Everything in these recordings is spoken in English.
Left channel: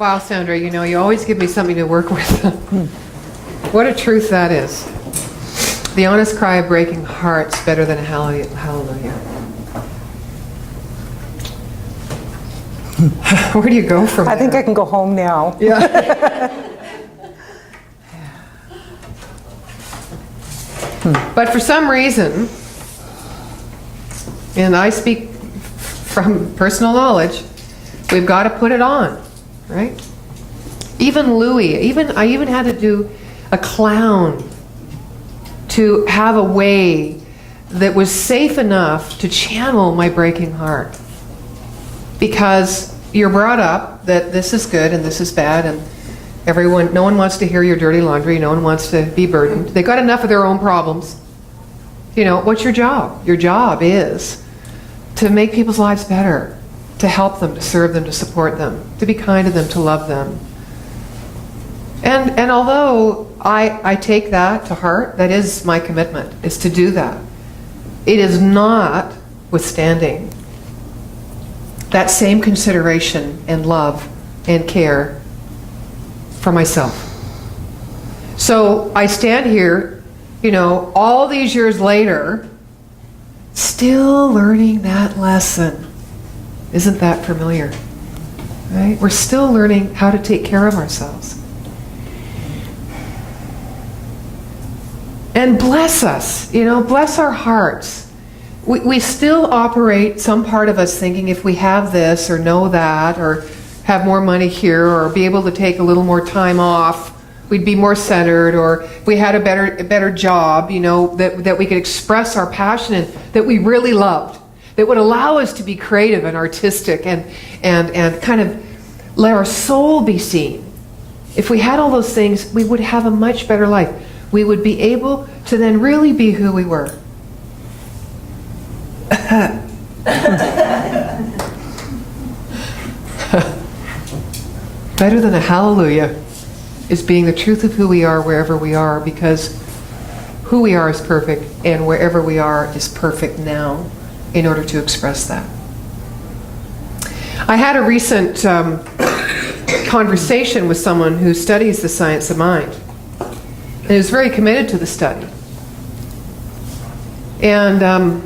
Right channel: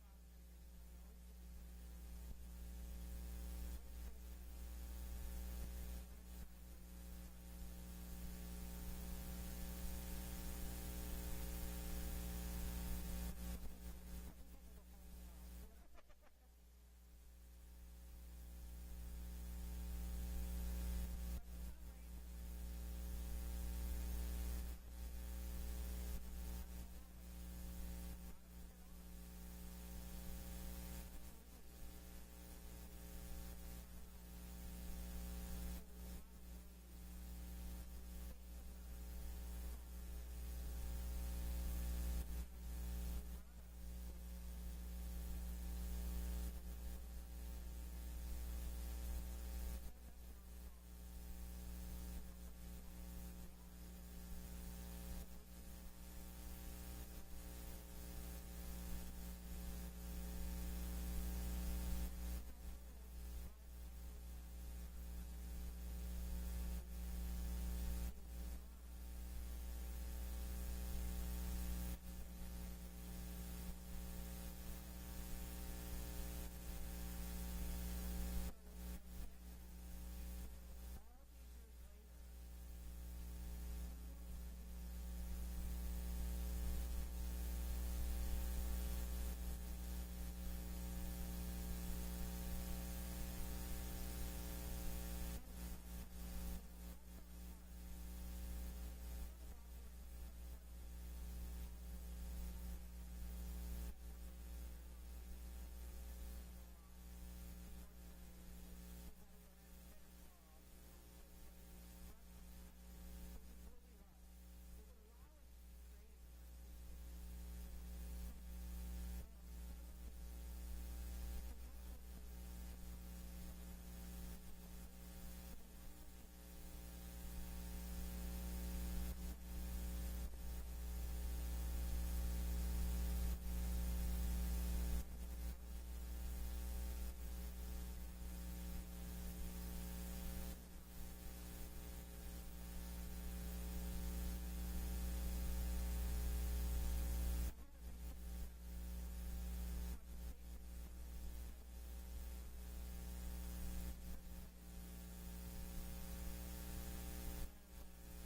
Wow, Sandra, you know, you always give me something to work with. What a truth that is. The honest cry of breaking hearts better than a hallelujah. Where do you go from there? I think I can go home now. Yeah. But for some reason, and I speak from personal knowledge, we've got to put it on, right? Even Louis, I even had to do a clown to have a way that was safe enough to channel my breaking heart. Because you're brought up that this is good and this is bad, and no one wants to hear your dirty laundry, no one wants to be burdened. They got enough of their own problems. You know, what's your job? Your job is to make people's lives better, to help them, to serve them, to support them, to be kind to them, to love them. And although I take that to heart, that is my commitment, is to do that. It is not withstanding that same consideration and love and care for myself. So I stand here, you know, all these years later, still learning that lesson. Isn't that familiar? Right? We're still learning how to take care of ourselves. And bless us, you know, bless our hearts. We still operate, some part of us thinking if we have this or know that or have more money here or be able to take a little more time off, we'd be more centered, or we had a better job, you know, that we could express our passion in, that we really loved, that would allow us to be creative and artistic and kind of let our soul be seen. If we had all those things, we would have a much better life. We would be able to then really be who we were. Better than a hallelujah is being the truth of who we are wherever we are, because who we are is perfect and wherever we are is perfect now in order to express that. I had a recent conversation with someone who studies the science of mind and is very committed to the study. And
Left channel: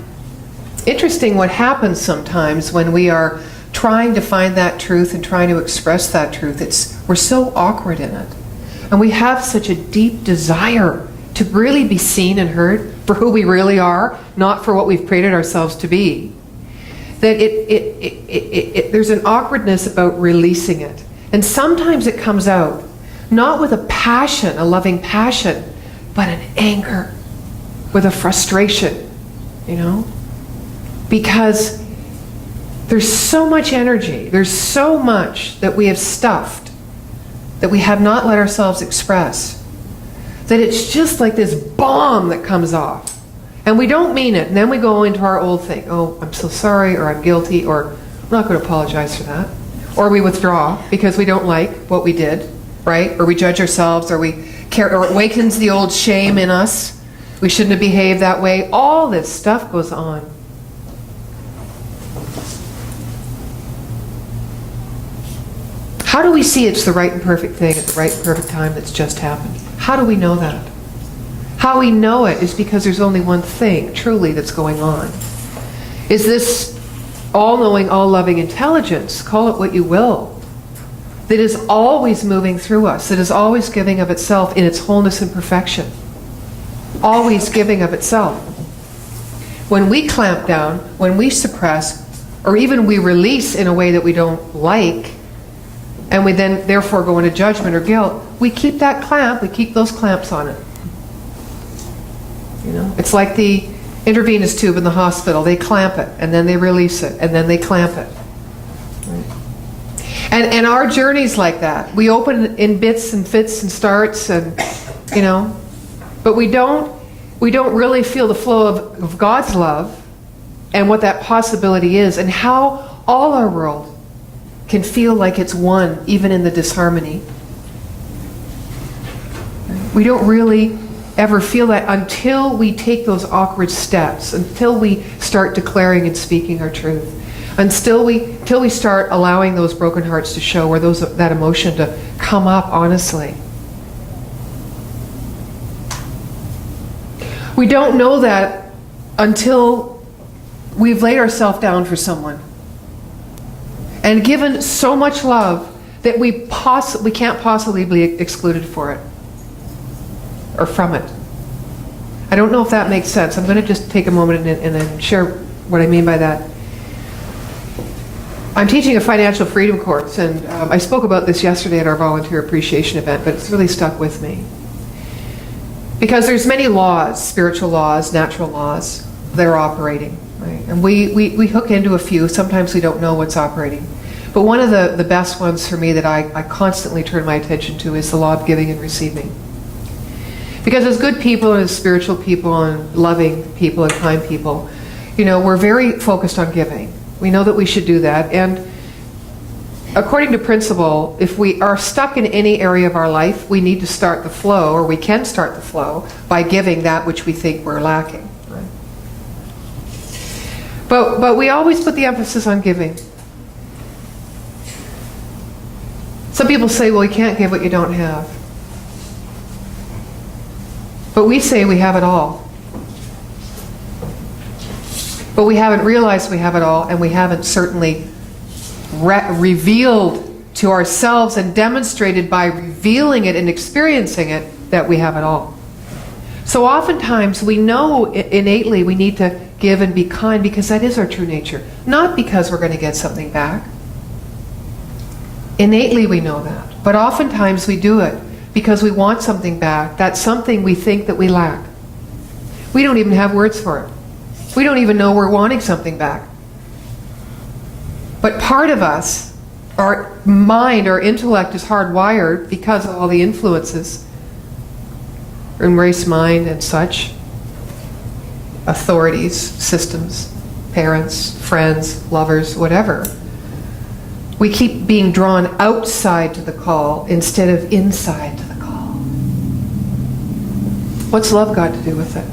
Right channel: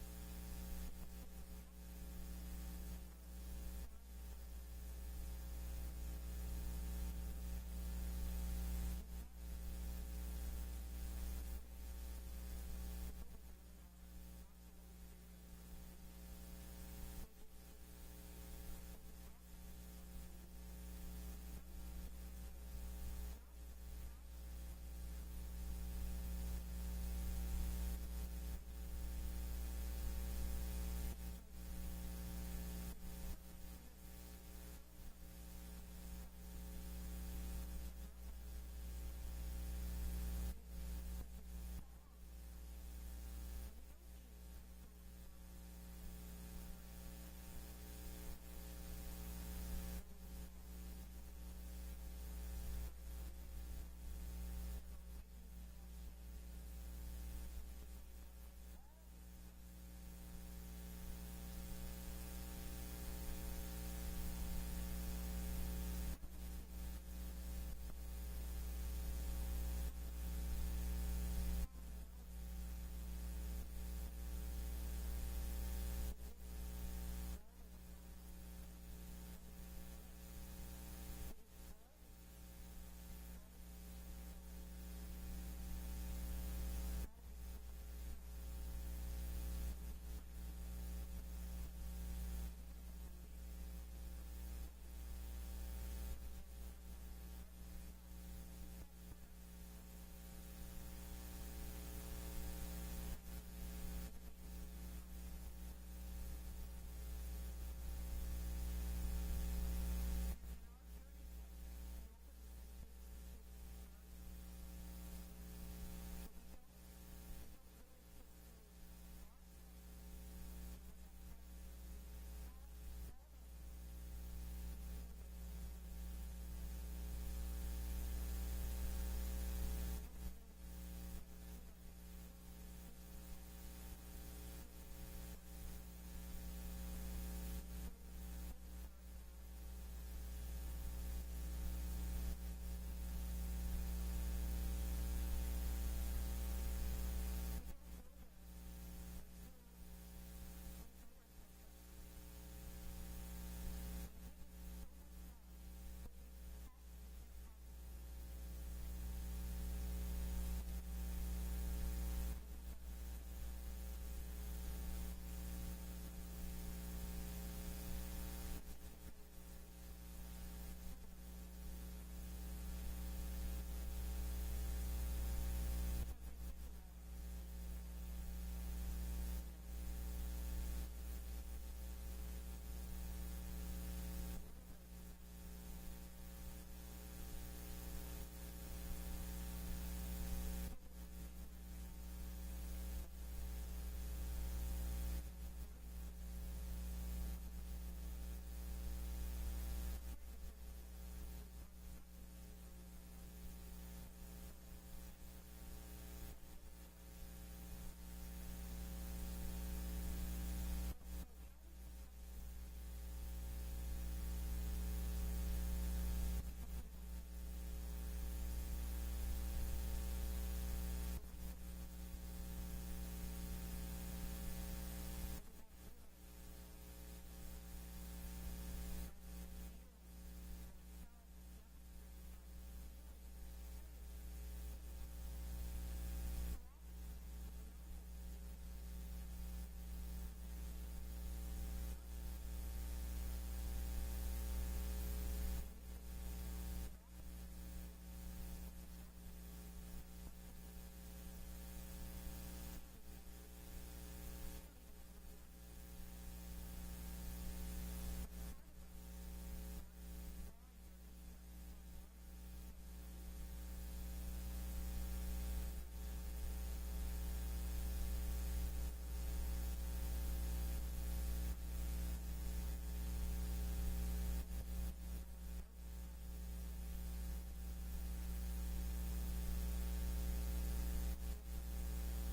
interesting what happens sometimes when we are trying to find that truth and trying to express that truth. We're so awkward in it. And we have such a deep desire to really be seen and heard for who we really are, not for what we've created ourselves to be, that there's an awkwardness about releasing it. And sometimes it comes out, not with a passion, a loving passion, but an anger, with a frustration, you know? Because there's so much energy, there's so much that we have stuffed, that we have not let ourselves express, that it's just like this bomb that comes off. And we don't mean it, and then we go into our old thing. Oh, I'm so sorry, or I'm guilty, or I'm not going to apologize for that. Or we withdraw because we don't like what we did, right? Or we judge ourselves, or or it awakens the old shame in us. We shouldn't have behaved that way. All this stuff goes on. How do we see it's the right and perfect thing at the right and perfect time that's just happened? How do we know that? How we know it is because there's only one thing, truly, that's going on. Is this all-knowing, all-loving intelligence, call it what you will, that is always moving through us, that is always giving of itself in its wholeness and perfection. Always giving of itself. When we clamp down, when we suppress, or even we release in a way that we don't like, and we then therefore go into judgment or guilt, we keep that clamp, we keep those clamps on it. You know, it's like the intravenous tube in the hospital. They clamp it, and then they release it, and then they clamp it. Right? And our journey's like that. We open in bits and fits and starts, and you know, but we don't really feel the flow of God's love and what that possibility is, and how all our world can feel like it's one, even in the disharmony. We don't really ever feel that until we take those awkward steps, until we start declaring and speaking our truth, Till we start allowing those broken hearts to show, or that emotion to come up honestly. We don't know that until we've laid ourselves down for someone and given so much love that we can't possibly be excluded for it or from it. I don't know if that makes sense. I'm going to just take a moment and then share what I mean by that. I'm teaching a financial freedom course, and I spoke about this yesterday at our volunteer appreciation event, but it's really stuck with me. Because there's many laws, spiritual laws, natural laws, that are operating, right? And we hook into a few. Sometimes we don't know what's operating. But one of the best ones for me that I constantly turn my attention to is the law of giving and receiving. Because as good people and as spiritual people and loving people and kind people, we're very focused on giving. We know that we should do that. And according to principle, if we are stuck in any area of our life, we need to start the flow, or we can start the flow, by giving that which we think we're lacking. Right? But we always put the emphasis on giving. Some people say, well, you can't give what you don't have. But we say we have it all. But we haven't realized we have it all, and we haven't certainly revealed to ourselves and demonstrated by revealing it and experiencing it that we have it all. So oftentimes we know innately we need to give and be kind because that is our true nature, not because we're going to get something back. Innately we know that, but oftentimes we do it because we want something back. That's something we think that we lack. We don't even have words for it. We don't even know we're wanting something back. But part of us, our mind, our intellect is hardwired because of all the influences in race, mind, and such, authorities, systems, parents, friends, lovers, whatever. We keep being drawn outside to the call instead of inside to the call. What's love got to do with it?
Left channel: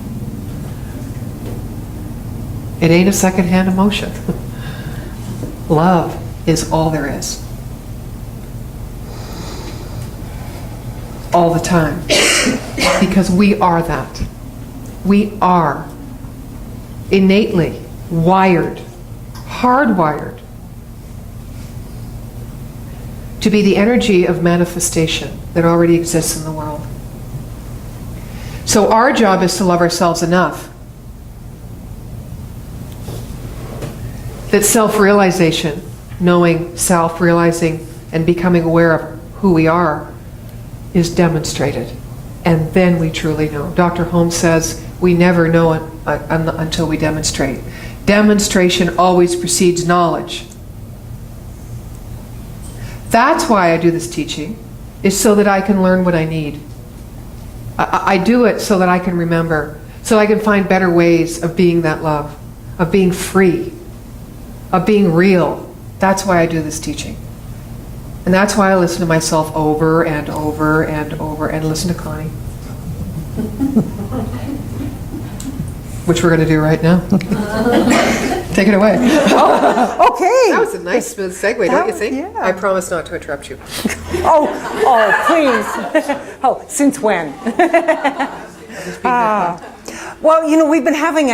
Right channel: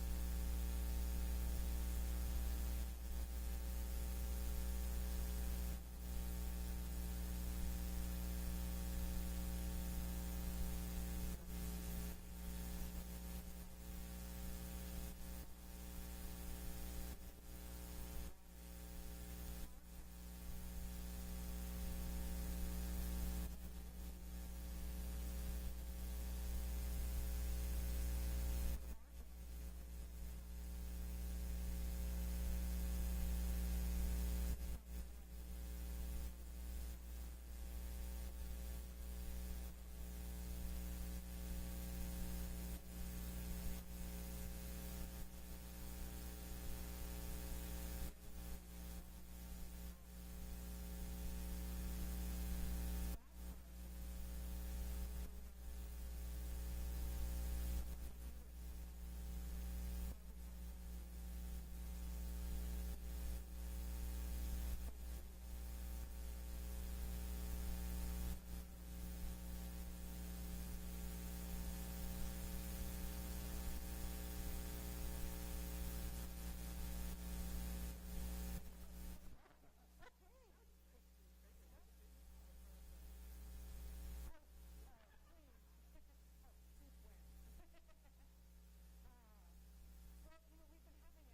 It ain't a secondhand emotion. Love is all there is. All the time. Because we are that. We are innately wired, hardwired, to be the energy of manifestation that already exists in the world. So our job is to love ourselves enough that self-realization, knowing self, realizing and becoming aware of who we are, is demonstrated. And then we truly know. Dr. Holmes says we never know it until we demonstrate. Demonstration always precedes knowledge. That's why I do this teaching, is so that I can learn what I need. I do it so that I can remember, so I can find better ways of being that love, of being free, of being real. That's why I do this teaching. And that's why I listen to myself over and over and over, and listen to Connie. Which we're going to do right now. Take it away. Oh, okay. That was a nice smooth segue, don't you think? Yeah. I promise not to interrupt you. Oh, please. Oh, since when? Well, we've been having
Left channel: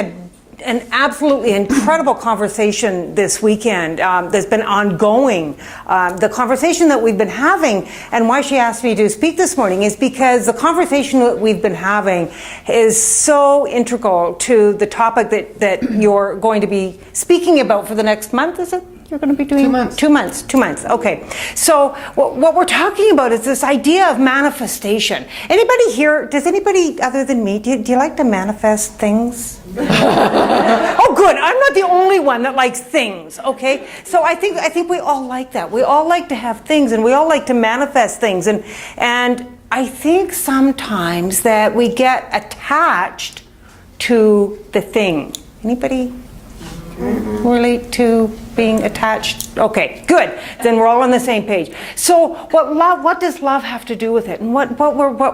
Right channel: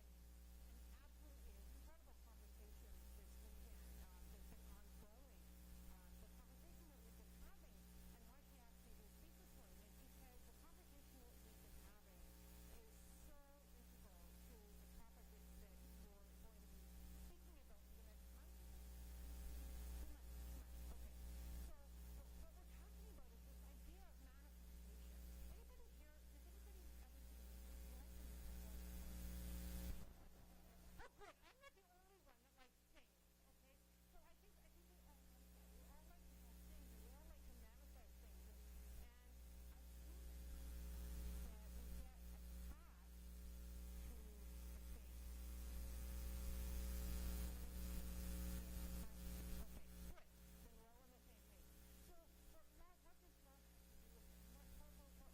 an absolutely incredible conversation this weekend that's been ongoing. The conversation that we've been having, and why she asked me to speak this morning, is because the conversation that we've been having is so integral to the topic that you're going to be speaking about for the next month, is it? You're going to be doing 2 months. 2 months. 2 months. Okay. So what we're talking about is this idea of manifestation. Anybody here? Does anybody other than me? Do you like to manifest things? Oh, good. I'm not the only one that likes things. Okay. So I think we all like that. We all like to have things, and we all like to manifest things. And I think sometimes that we get attached to the thing. Anybody relate to being attached? Okay, good. Then we're all on the same page. So what does love have to do with it? And what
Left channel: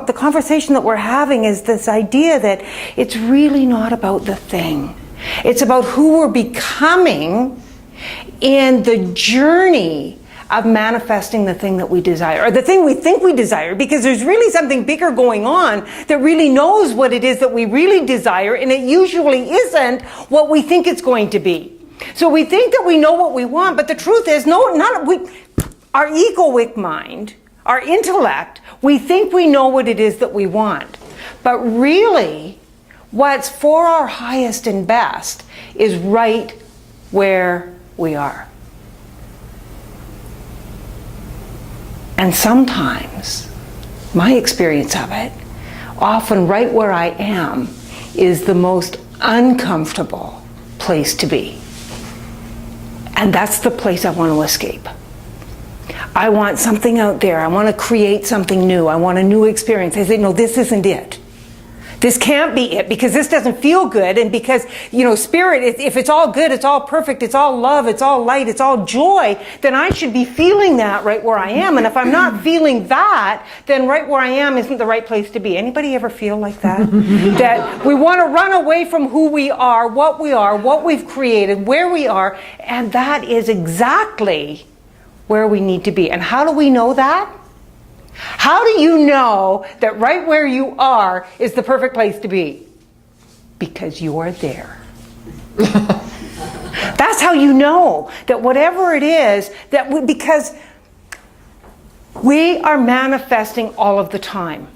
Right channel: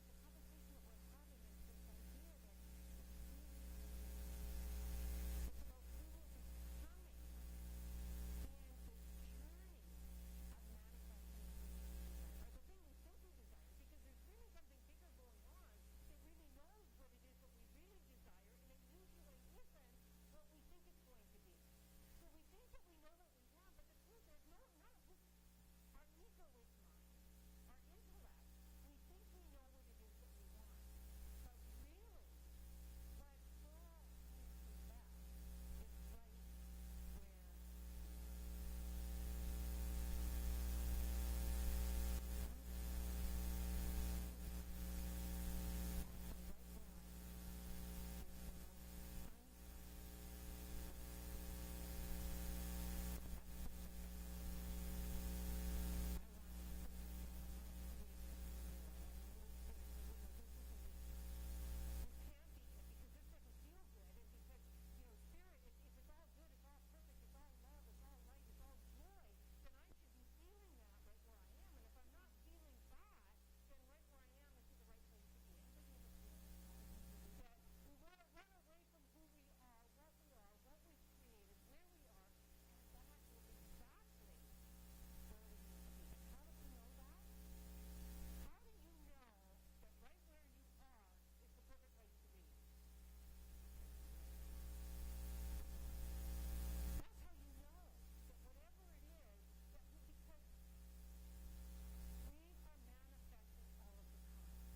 the conversation that we're having is this idea that it's really not about the thing. It's about who we're becoming in the journey of manifesting the thing that we desire, or the thing we think we desire, because there's really something bigger going on that really knows what it is that we really desire, and it usually isn't what we think it's going to be. So we think that we know what we want, but the truth is, our egoic mind, our intellect, we think we know what it is that we want. But really, what's for our highest and best is right where we are. And sometimes, my experience of it, often right where I am is the most uncomfortable place to be. And that's the place I want to escape. I want something out there. I want to create something new. I want a new experience. I say, no, this isn't it. This can't be it, because this doesn't feel good, and because, spirit, if it's all good, it's all perfect, it's all love, it's all light, it's all joy, then I should be feeling that right where I am. And if I'm not feeling that, then right where I am isn't the right place to be. Anybody ever feel like that? That we want to run away from who we are, what we've created, where we are, and that is exactly where we need to be. And how do we know that? How do you know that right where you are is the perfect place to be? Because you are there. That's how you know that whatever it is, because we are manifesting all of the time.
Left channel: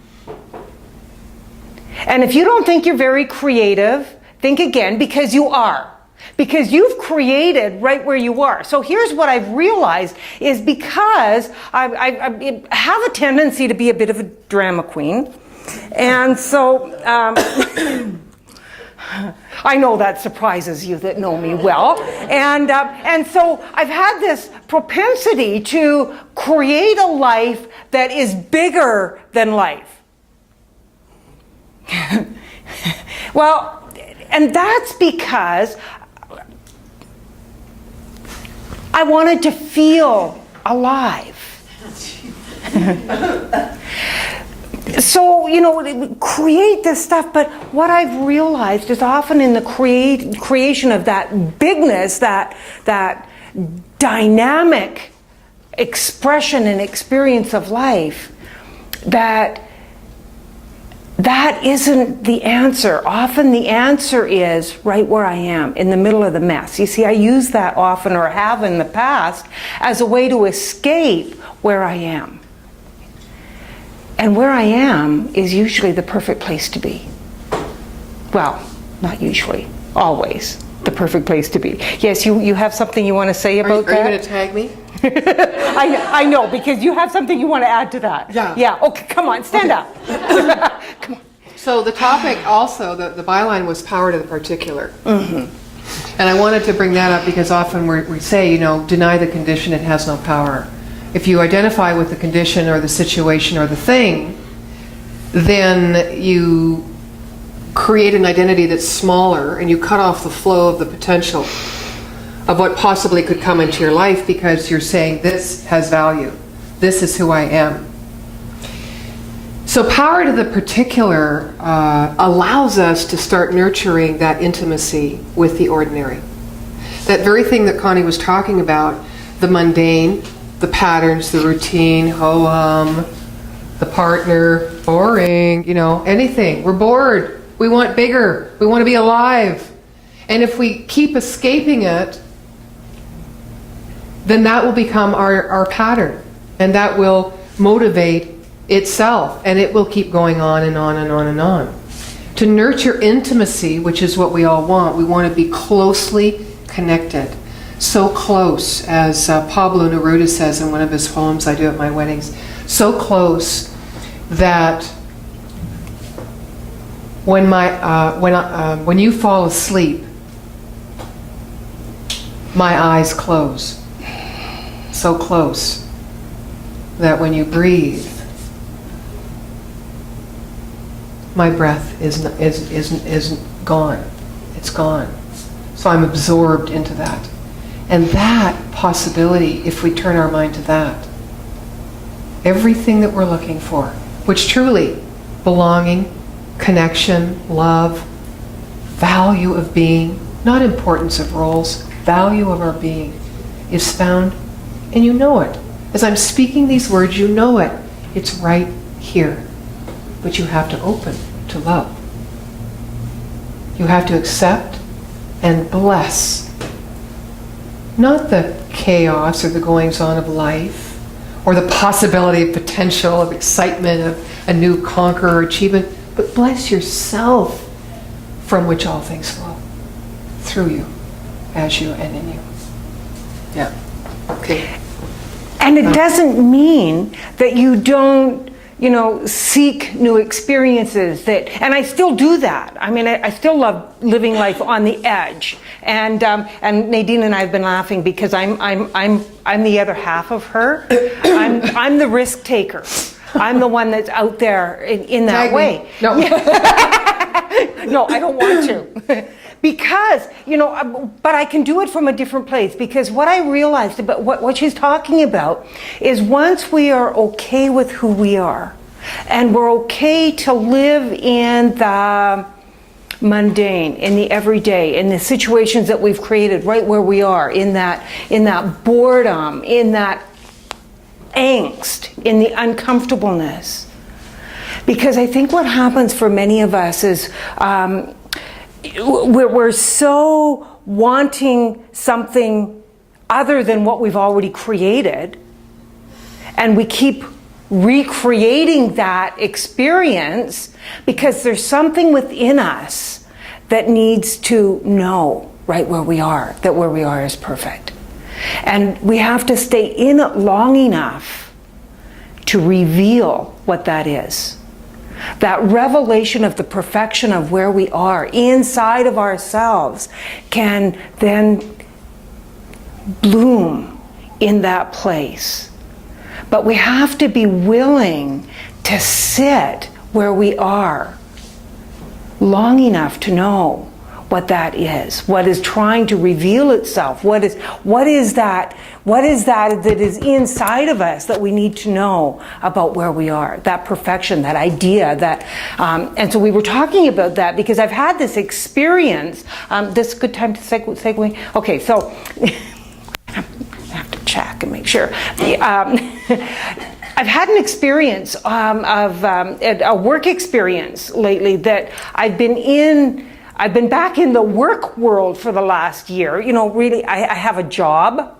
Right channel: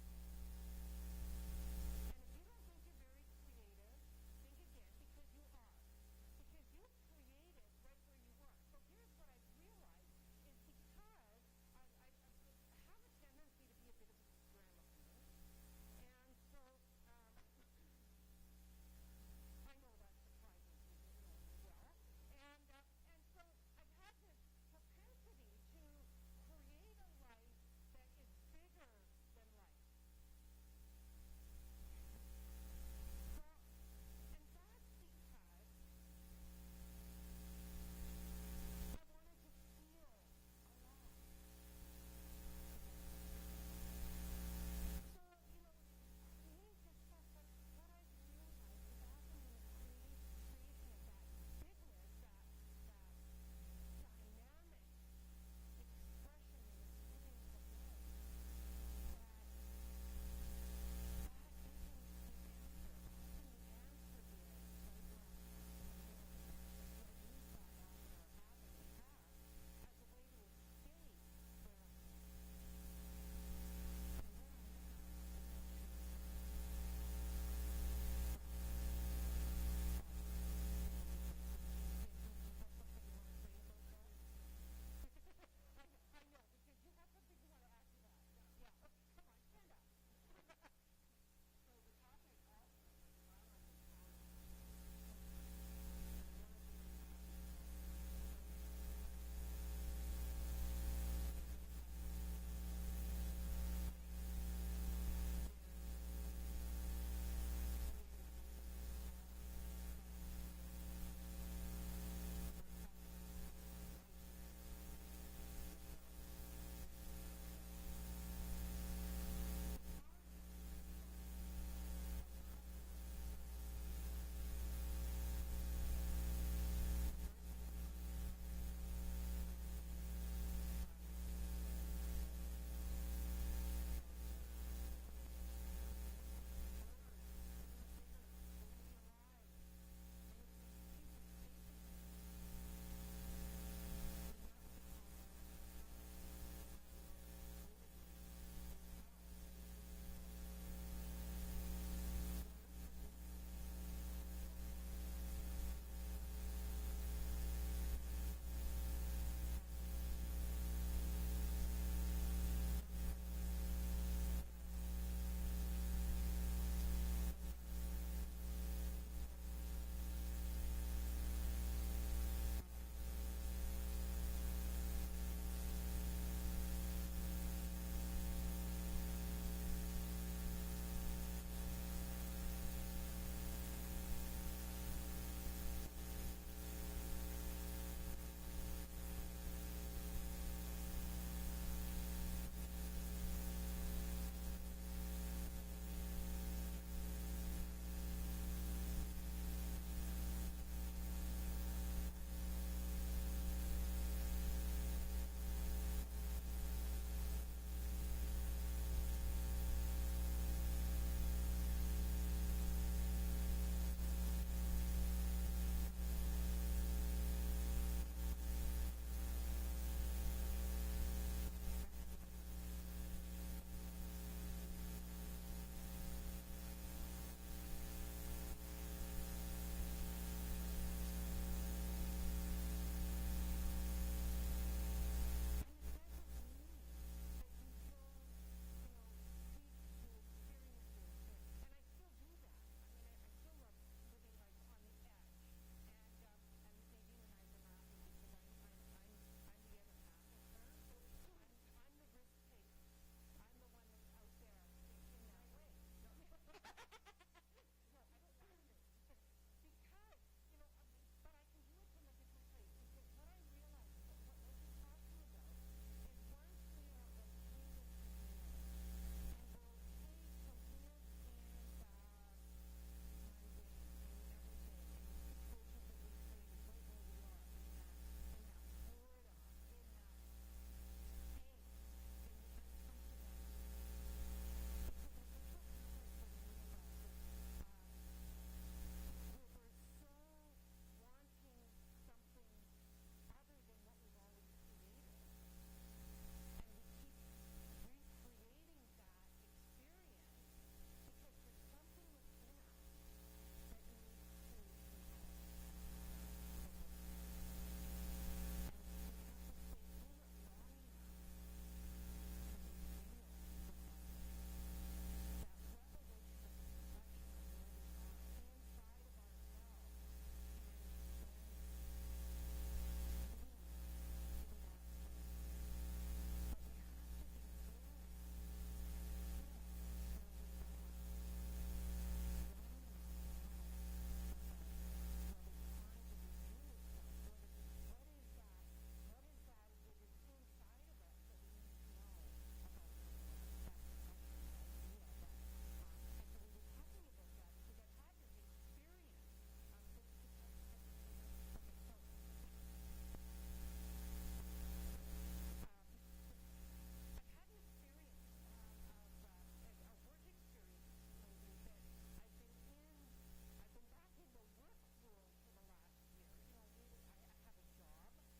And if you don't think you're very creative, think again, because you are. Because you've created right where you are. So here's what I've realized is, because I have a tendency to be a bit of a drama queen. And so I know that surprises you that know me well. And so I've had this propensity to create a life that is bigger than life. Well, and that's because I wanted to feel alive. So, create this stuff, but what I've realized is often in the creation of that bigness, that dynamic expression and experience of life, that isn't the answer. Often the answer is right where I am, in the middle of the mess. You see, I use that often, or have in the past, as a way to escape where I am. And where I am is usually the perfect place to be. Well, not usually, always the perfect place to be. Yes, you have something you want to say about that? Are you going to tag me? I know, because you have something you want to add to that. Yeah. Yeah, okay, come on, stand up. Come on. So the topic also, the byline was power to the particular. Mm-hmm. And I wanted to bring that up because often we say, deny the condition, it has no power. If you identify with the condition or the situation or the thing, then you create an identity that's smaller, and you cut off the flow of the potential of what possibly could come into your life, because you're saying this has value. This is who I am. So power to the particular allows us to start nurturing that intimacy with the ordinary. That very thing that Connie was talking about, the mundane, the patterns, the routine, ho-hum, the partner, boring, anything. We're bored. We want bigger. We want to be alive. And if we keep escaping it, then that will become our pattern. And that will motivate itself. And it will keep going on and on and on and on. To nurture intimacy, which is what we all want, we want to be closely connected. So close, as Pablo Neruda says in one of his poems I do at my weddings, so close that when you fall asleep, my eyes close. So close that when you breathe, my breath is gone. It's gone. So I'm absorbed into that. And that possibility, if we turn our mind to that, everything that we're looking for, which truly, belonging, connection, love, value of being, not importance of roles, value of our being, is found, and you know it. As I'm speaking these words, you know it. It's right here. But you have to open to love. You have to accept and bless. Not the chaos or the goings-on of life, or the possibility of potential, of excitement, of a new conqueror or achievement, but bless yourself, from which all things flow, through you, as you, and in you. Yeah. Okay. And it doesn't mean that you don't, seek new experiences. And I still do that. I mean, I still love living life on the edge. And Nadine and I have been laughing because I'm the other half of her. I'm the risk taker. I'm the one that's out there in that way. No. No, I don't want to. Because, but I can do it from a different place, because what I realized about what she's talking about is once we are okay with who we are, and we're okay to live in the mundane, in the everyday, in the situations that we've created right where we are, in that boredom, in that angst, in the uncomfortableness. Because I think what happens for many of us is we're so wanting something other than what we've already created, and we keep recreating that experience because there's something within us that needs to know right where we are, that where we are is perfect. And we have to stay in it long enough to reveal what that is. That revelation of the perfection of where we are inside of ourselves can then bloom in that place. But we have to be willing to sit where we are long enough to know what that is, what is trying to reveal itself, what is that is inside of us that we need to know about where we are, that perfection, that idea, that, and so we were talking about that because I've had this experience. This is a good time to segue. Okay, so I have to check and make sure. I've had an experience a work experience lately that I've been back in the work world for the last year. Really, I have a job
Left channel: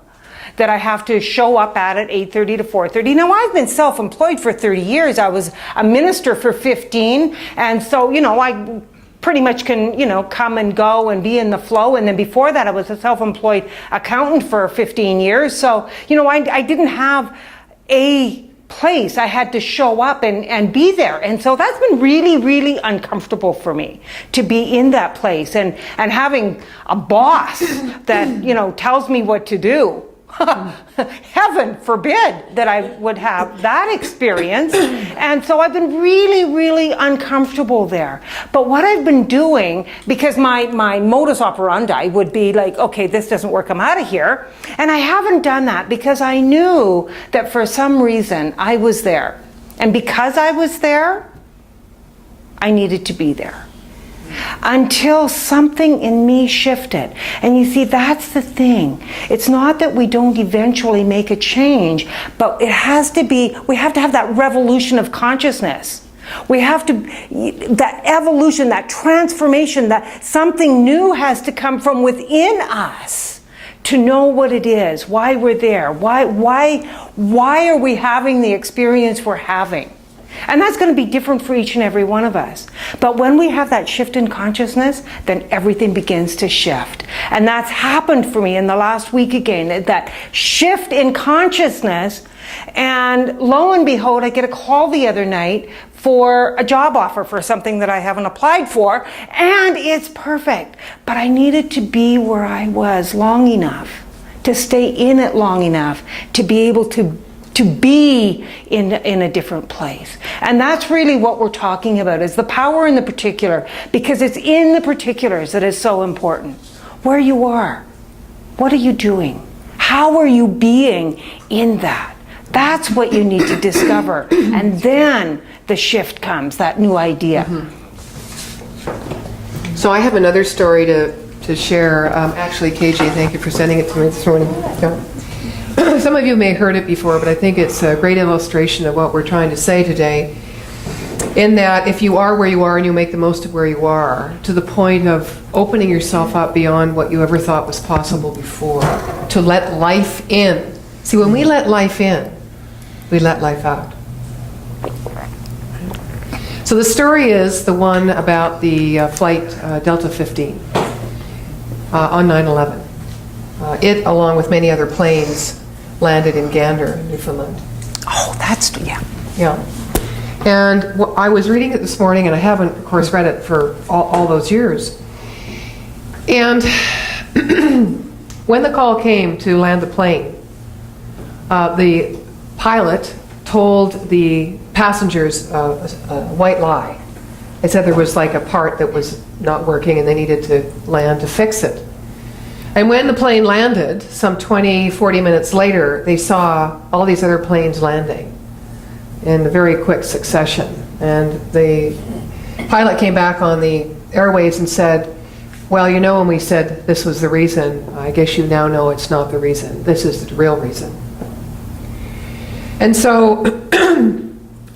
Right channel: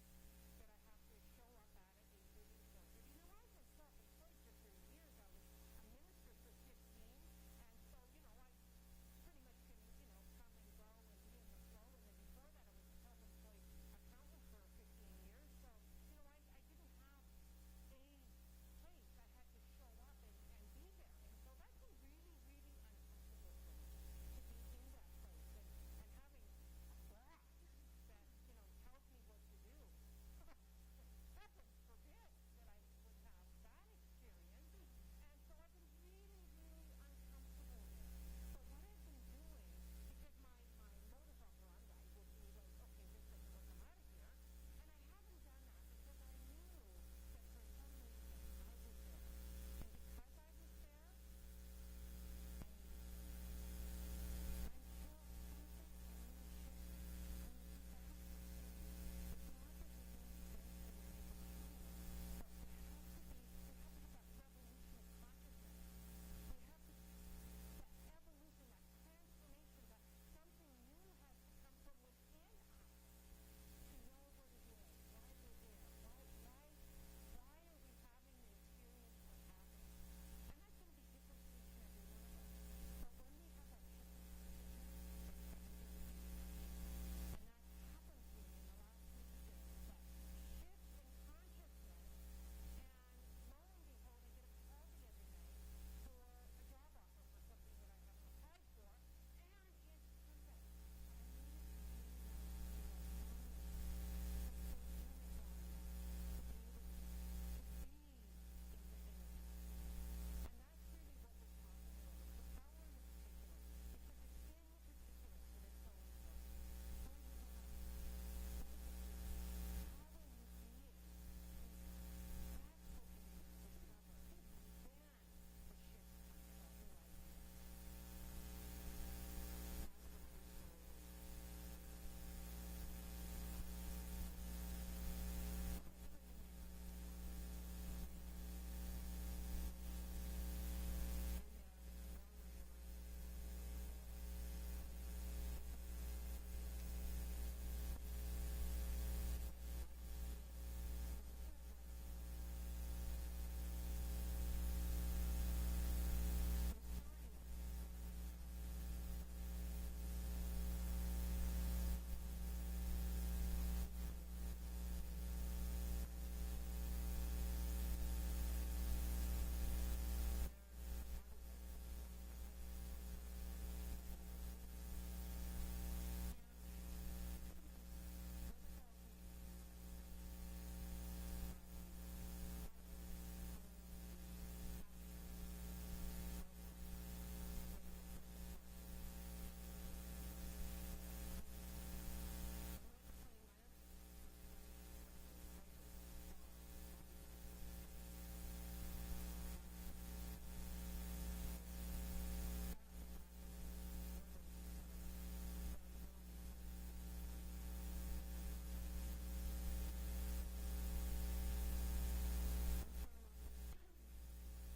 that I have to show up at 8:30 to 4:30. Now, I've been self-employed for 30 years. I was a minister for 15. And so, I pretty much can, come and go and be in the flow. And then before that, I was a self-employed accountant for 15 years. So, I didn't have a place. I had to show up and be there. And so that's been really, really uncomfortable for me to be in that place and having a boss that, tells me what to do. Heaven forbid that I would have that experience. And so I've been really, really uncomfortable there. But what I've been doing, because my modus operandi would be like, okay, this doesn't work, I'm out of here. And I haven't done that because I knew that for some reason I was there. And because I was there, I needed to be there. Until something in me shifted. And you see, that's the thing. It's not that we don't eventually make a change, but it has to be, we have to have that revolution of consciousness. We have to, that evolution, that transformation, that something new has to come from within us to know what it is, why we're there, why are we having the experience we're having. And that's going to be different for each and every one of us. But when we have that shift in consciousness, then everything begins to shift. And that's happened for me in the last week again, that shift in consciousness. And lo and behold, I get a call the other night for a job offer for something that I haven't applied for. And it's perfect. But I needed to be where I was long enough, to stay in it long enough, to be able to be in a different place. And that's really what we're talking about, is the power in the particular, because it's in the particulars that is so important. Where you are, what are you doing? How are you being in that? That's what you need to discover. And then the shift comes, that new idea. Mm-hmm. So I have another story to share. Actually, KJ, thank you for sending it to me this morning. Yeah. some of you may have heard it before, but I think it's a great illustration of what we're trying to say today, in that if you are where you are and you make the most of where you are, to the point of opening yourself up beyond what you ever thought was possible before, to let life in. See, when we let life in, we let life out. So the story is the one about the flight Delta 15 on 9/11. It, along with many other planes, landed in Gander, Newfoundland. Oh, that's, yeah. Yeah. And I was reading it this morning, and I haven't, of course, read it for all those years. And when the call came to land the plane, the pilot told the passengers a white lie. They said there was like a part that was not working and they needed to land to fix it. And when the plane landed, some 20, 40 minutes later, they saw all these other planes landing in a very quick succession. And the pilot came back on the airwaves and said, well, you know, when we said this was the reason, I guess you now know it's not the reason. This is the real reason. And so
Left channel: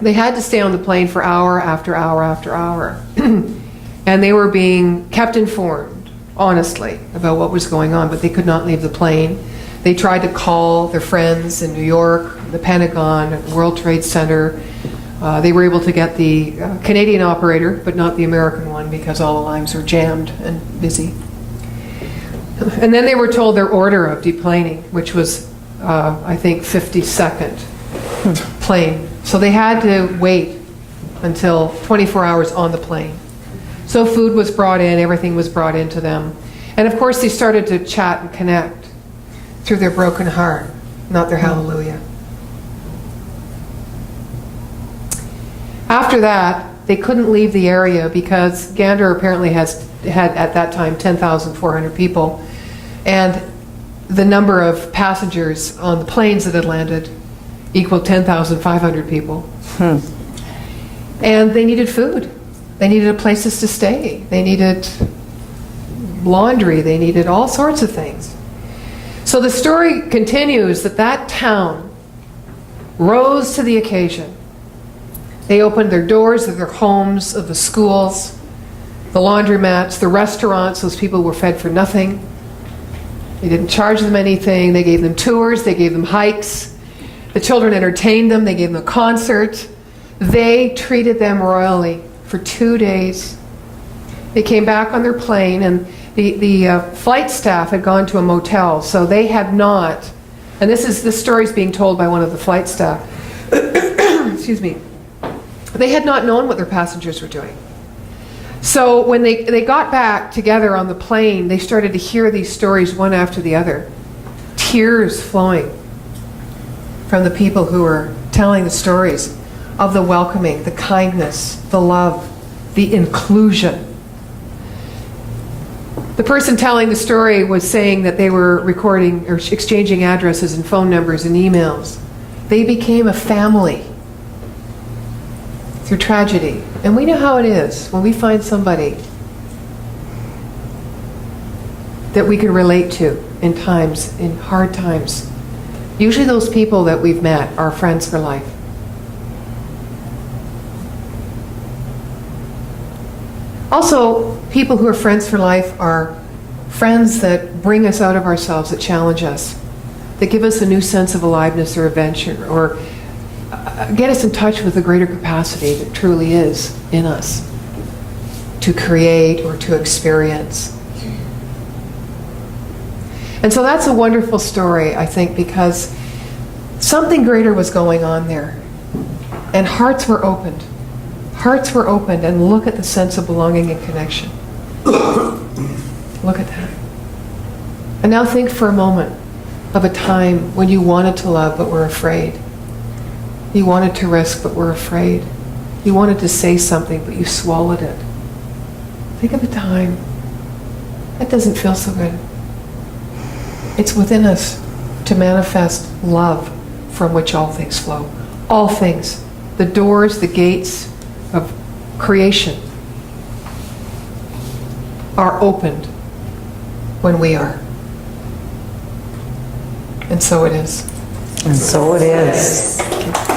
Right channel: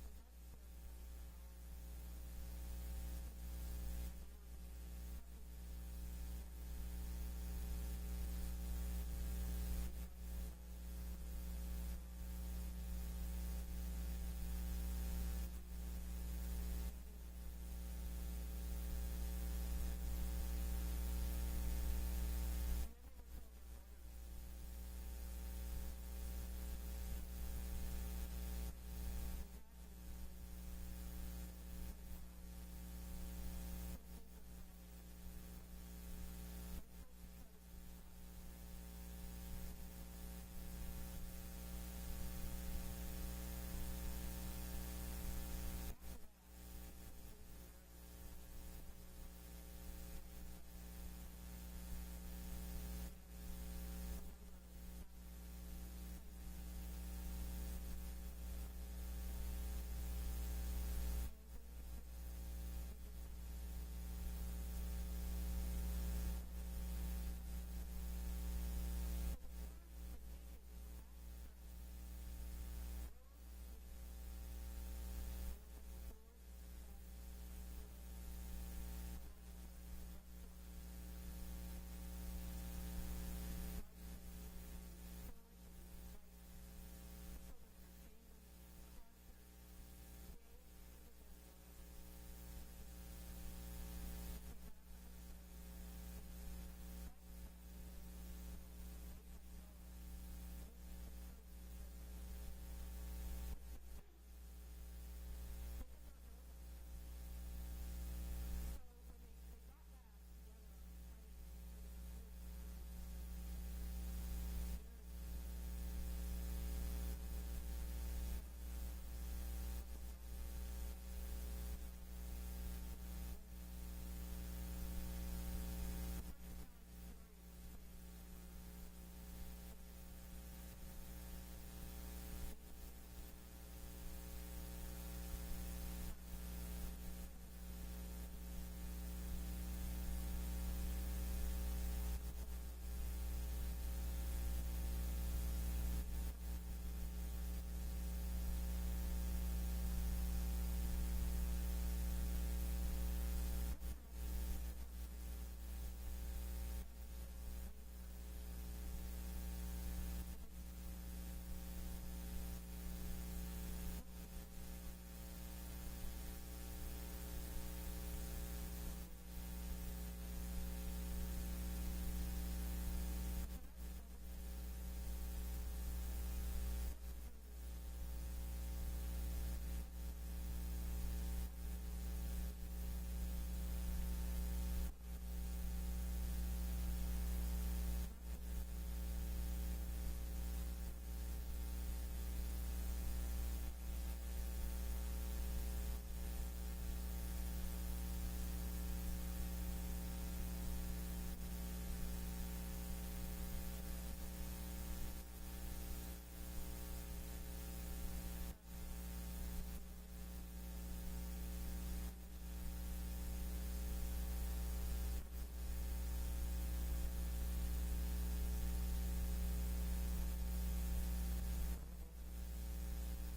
they had to stay on the plane for hour after hour after hour. And they were being kept informed, honestly, about what was going on, but they could not leave the plane. They tried to call their friends in New York, the Pentagon, World Trade Center. They were able to get the Canadian operator, but not the American one, because all the lines were jammed and busy. And then they were told their order of deplaning, which was, I think, 52nd plane. So they had to wait until 24 hours on the plane. So food was brought in, everything was brought into them. And of course they started to chat and connect through their broken heart, not their hallelujah. After that, they couldn't leave the area because Gander apparently had at that time 10,400 people. And the number of passengers on the planes that had landed equaled 10,500 people. And they needed food. They needed places to stay. They needed laundry. They needed all sorts of things. So the story continues that that town rose to the occasion. They opened their doors of their homes, of the schools, the laundromats, the restaurants. Those people were fed for nothing. They didn't charge them anything. They gave them tours. They gave them hikes. The children entertained them. They gave them a concert. They treated them royally for 2 days. They came back on their plane, and the flight staff had gone to a motel, so they had not, and this story is being told by one of the flight staff, excuse me, they had not known what their passengers were doing. So when they got back together on the plane, they started to hear these stories one after the other, tears flowing from the people who were telling the stories of the welcoming, the kindness, the love, the inclusion. The person telling the story was saying that they were recording or exchanging addresses and phone numbers and emails. They became a family through tragedy. And we know how it is when we find somebody that we can relate to in times, in hard times. Usually those people that we've met are friends for life. Also, people who are friends for life are friends that bring us out of ourselves, that challenge us, that give us a new sense of aliveness or adventure, or get us in touch with the greater capacity that truly is in us to create or to experience. And so that's a wonderful story, I think, because something greater was going on there. And hearts were opened. Hearts were opened, and look at the sense of belonging and connection. Look at that. And now think for a moment of a time when you wanted to love but were afraid. You wanted to risk but were afraid. You wanted to say something but you swallowed it. Think of a time. That doesn't feel so good. It's within us to manifest love from which all things flow. All things. The doors, the gates of creation are opened when we are. And so it is. And so it is.